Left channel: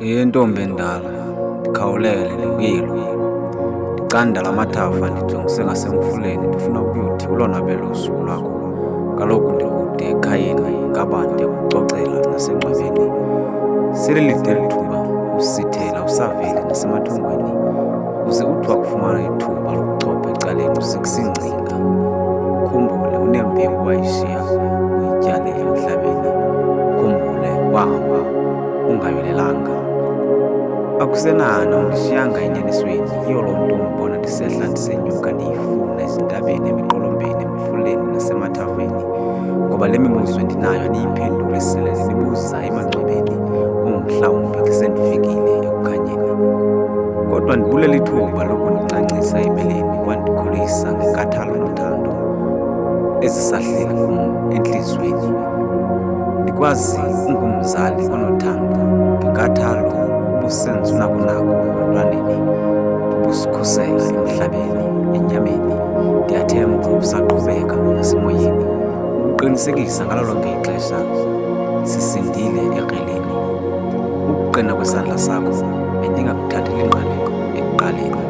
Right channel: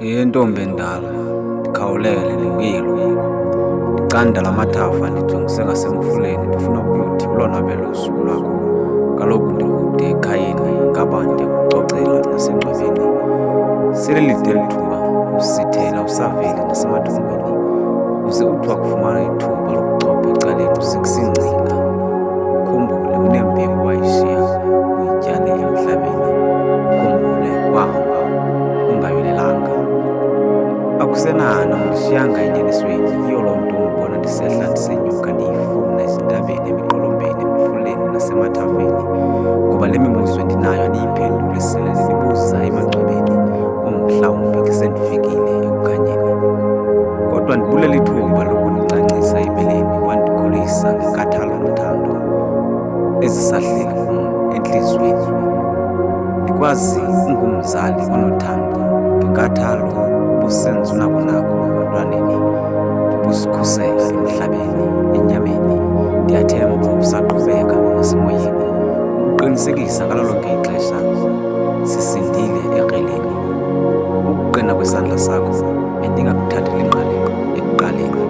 Ntombi endala, ndikhawulele lungile. Ndicanda la mathafa ndijongise ngasemfuleni, ndifuna ukuyothi ulonwabele usuku lwakho. Kaloku ndikude ekhayeni, ngaba ndiyakucocela nasengcwabeni. Sele lide eli thuba usithela usaveli nasemathongweni, uze uthi wakufumana ithuba lokuchopha ecaleni usekusingcinga. Ukhumbule unembewu wayishiya uyityale emhlabeni, ukhumbule wahamba ungayolelanga. Akusenana undishiyanga enyanisweni, yiyo loo nto undibona ndisehla ndisenyuka ndiyifuna ezintabeni, emiqolombeni, emfuleni nasemathafeni. Ngoba le mibuzo ndinayo andiyiphendule sele ndinibuza emangcwabeni, mhlawumbi sendifikile ekukhanyeni. Kodwa ndibulela ithuba lokundicancisa ebeleni, wandikhulisa ngenkathalo nothando ezisahleli kum entliziyweni. Ndikwazi ungumzali onothando, ngenkathalo ubusenza unakonako ebantwaneni, ubusikhusela emhlabeni, enyameni. Ndiyathemba usaqhubeka nasemoyeni, ukuqinisekisa ngalo lonke ixesha sisindile ekreleni. Ukuqina kwesandla sakho bendingakuthatheli ngqalelo ekuqaleni,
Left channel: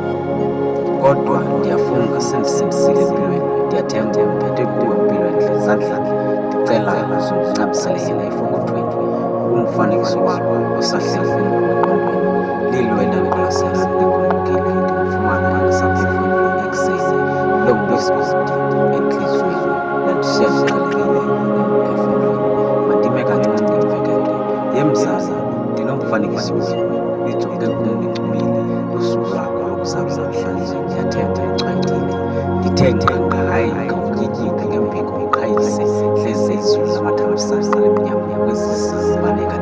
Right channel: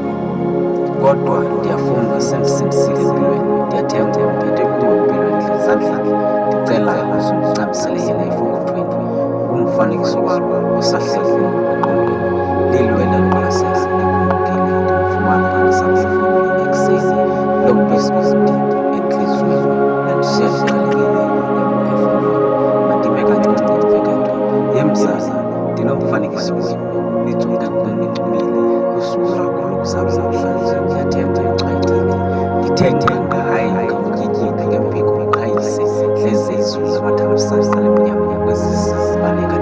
kodwa ndiyafunga sendisindisile empilweni. Ndiyathemba mphethe kuwe empilweni ezandleni. Ndicela uzundincamisele yena efokothweni, ngumfanekiso walo osahleli engqondweni. Lilwela liqwalasela ligumbukile, ndimfumana engasaphefumli ekuseni. Lo mbisibuti entliziyweni landishiya ndiqhelekile emphefumlweni. Mandime kancinci imveketo yemzali, ndinomfanekiso wenu, nijonge kum nincumile. Lusuku lwakho lokuzalwa namhlanje ndiyathemba uchwayitile. Ndithe ngqanga hayi ngawutyityipi ngembiko uqhayise, hleze izulu lamathambisana lemnyama kwezisa baneka